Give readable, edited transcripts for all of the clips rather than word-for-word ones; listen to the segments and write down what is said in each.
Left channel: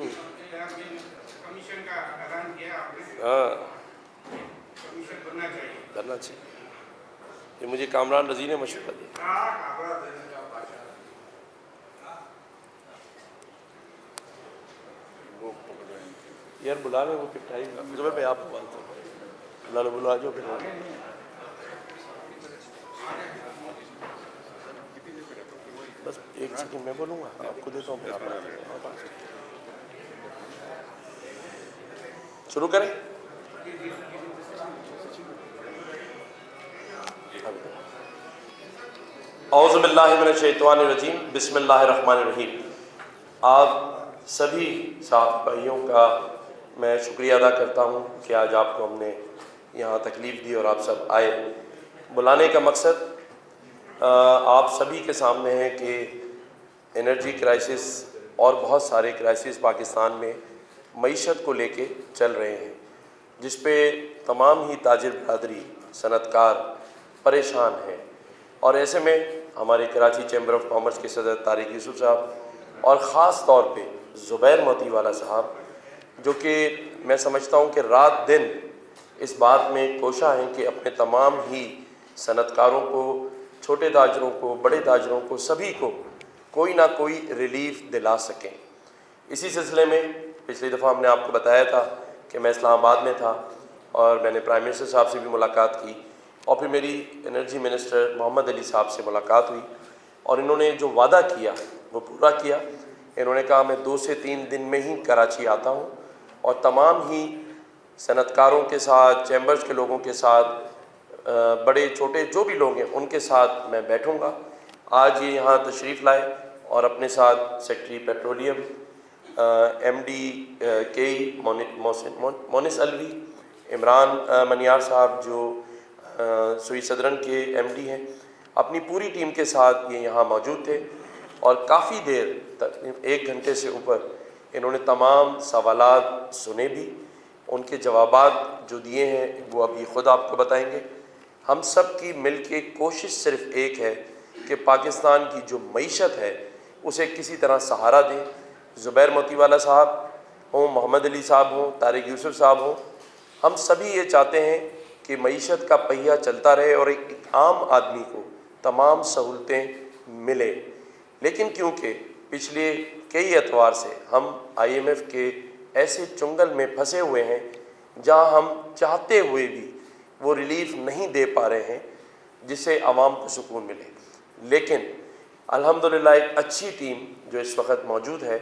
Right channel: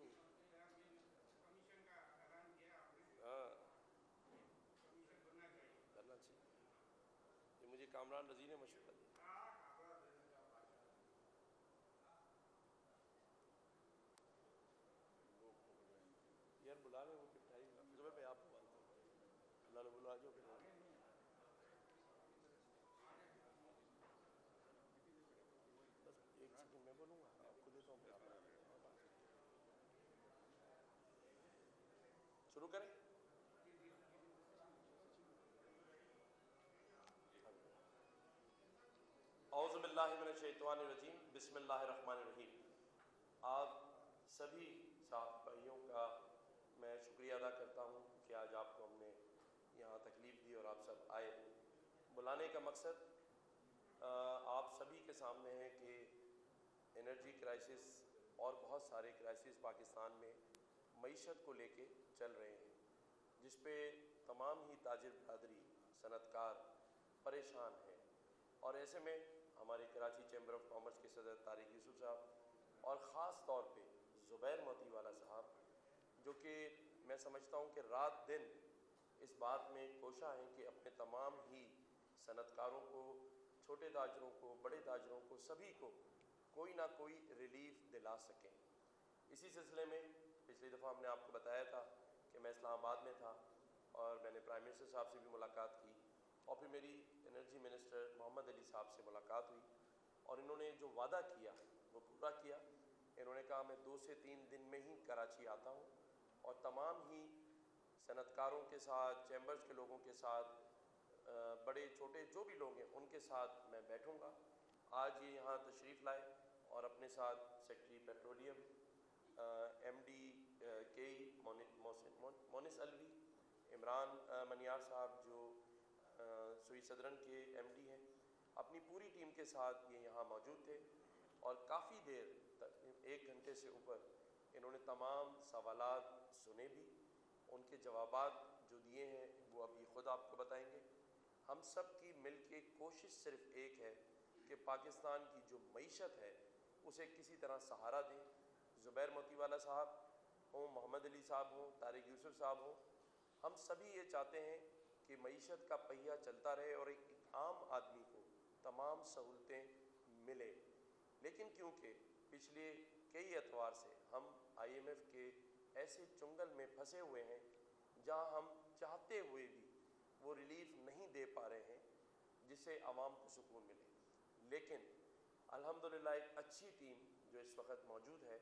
Commission का ऐलान किया आपने, हाँ कमीशन बनना चाहिए। करना चाहिए, ये मुझे कामरान रजी ने मशवरा दिया। यार बुला रहे वो फिर टाइम जब मैं आप अल्लाह ने बुला जो फिर बस एक सेकंड मैं बोलूँगा आपको देता हूँ फिर आप शुरू करें। औज़ु बिल्लाहि मिनश शैतानिर रजीम, बिस्मिल्लाहिर रहमानिर रहीम। आप सभी साथ भाइयों का मैं शुक्रिया अदा करता हूँ कि आज आपको हमने यहाँ तकलीफ़ दी और आप सब आए। बुलाने का मकसद आप सभी के सामने है कि एनर्जी क्राइसिस और बहुत सारे क्राइसिस पाकिस्तान में मईशत को लेके चल रहे हैं, जिस पे तमाम ही ताजिर बरादरी सनतकार परेशान हैं। और ऐसे में हमारे कराची चैम्बर ऑफ कॉमर्स के सदर तारिक यूसुफ साहब और ख़ास तौर पे ज़ुबैर मोतीवाला साहब, जो कि मैं समझता हूँ कि रात दिन इस बात में कोशा हैं कि अपने तमाम ही सनतकारों को, छोटे ताजरों को, बड़े ताजरों को, सभी को कोई ना कोई रिलीफ दिला सकें। इसी सिलसिले में पिछली दफ़ा हमने आपको बताया था कि मैं इस्लामाबाद में था और मैंने प्राइम मिनिस्टर साहब से भी मुलाकात की और फिर मेरी एनर्जी मिनिस्टर मोहम्मद अली साहब से मुलाकात हुई और इन्होंने जो वादा किया वो पूरा किया। इन्होंने कहा मैं 2 से 3 दिन में ही कराची आता हूँ और तमाम ही सनतकारों के साथ, चैम्बर्स के लोगों के साथ, बड़े छोटे जो भी लोग हैं उनके साथ मैं बैठूँगा। आज ये यहाँ तशरीफ़ लाए और अपने साथ secretary petroleum MD KE Monis Alvi, Imran Maniyar साहब जो सुई सदरन के MD हैं, अपनी पूरी टीम के साथ ये यहाँ मौजूद थे और काफ़ी देर तक 1 घंटे से ऊपर इन्होंने तमाम सवालात सुने भी, उनके जवाबात जो दिए हैं वो अभी ख़ुद आपको बताएंगे। हम सब की मिल के कोशिश सिर्फ़ एक है कि पाकिस्तान की जो मईशत है उसे किसी तरह सहारा दें। ज़ुबैर मोतीवाला साहब हों, मोहम्मद अली साहब हों, तारिक यूसुफ साहब हों, हम सभी ये चाहते हैं कि मईशत का पहिया चलता रहे और एक आम आदमी को तमाम सहूलतें मिले। लेकिन क्योंकि पिछले कई एतवार से हम IMF के ऐसे चुंगल में फंसे हुए हैं जहां हम चाहते हुए भी वो रिलीफ नहीं दे पा रहे हैं जिससे आवाम को सुकून मिले। लेकिन अल्हम्दुलिल्लाह एक अच्छी टीम जो इस वक्त मौजूद है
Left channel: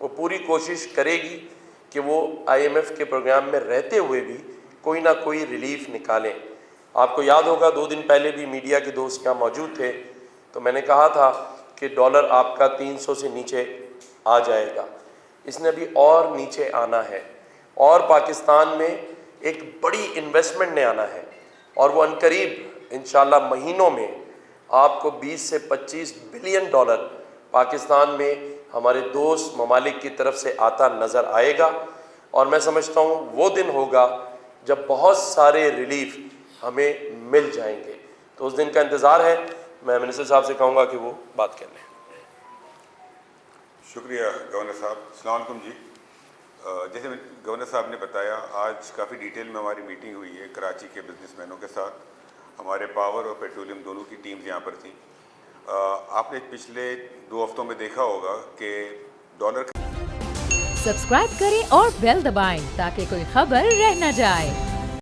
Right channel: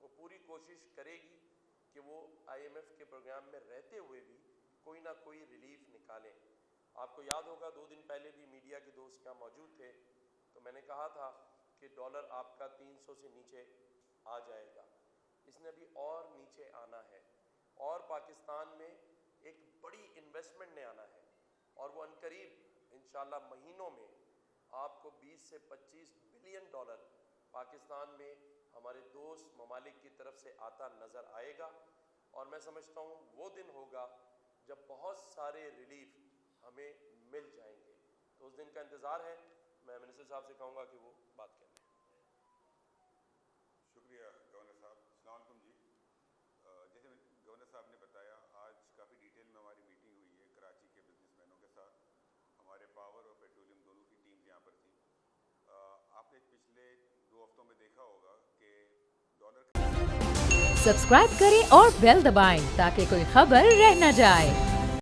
वो पूरी कोशिश करेगी कि वो IMF के प्रोग्राम में रहते हुए भी कोई ना कोई रिलीफ निकालें। आपको याद होगा 2 दिन पहले भी मीडिया के दोस्त यहाँ मौजूद थे तो मैंने कहा था कि डॉलर आपका 300 से नीचे आ जाएगा। इसने अभी और नीचे आना है और पाकिस्तान में एक बड़ी इन्वेस्टमेंट ने आना है और वो अनकरीब इंशाल्लाह महीनों में आपको 20 से 25 बिलियन डॉलर पाकिस्तान में हमारे दोस्त ममालिक की तरफ से आता नज़र आएगा। और मैं समझता हूँ वो दिन होगा जब बहुत सारे रिलीफ हमें मिल जाएंगे, तो उस दिन का इंतज़ार है। मैं मिनिस्टर साहब से कहूँगा कि वो बात कर लें। शुक्रिया गवर्नर साहब। अस्सलाम वालेकुम जी। जैसे गवर्नर साहब ने बताया, आज काफ़ी डिटेल में हमारी मीटिंग हुई है कराची के बिजनेसमैनों के साथ। हमारे पावर और पेट्रोलियम दोनों की टीम्स यहाँ पर थी। आपने पिछले 2 हफ्तों में देखा होगा कि डॉलर सब्सक्राइब करें और बेल दबाएं ताकि कोई खबर रह न जाए।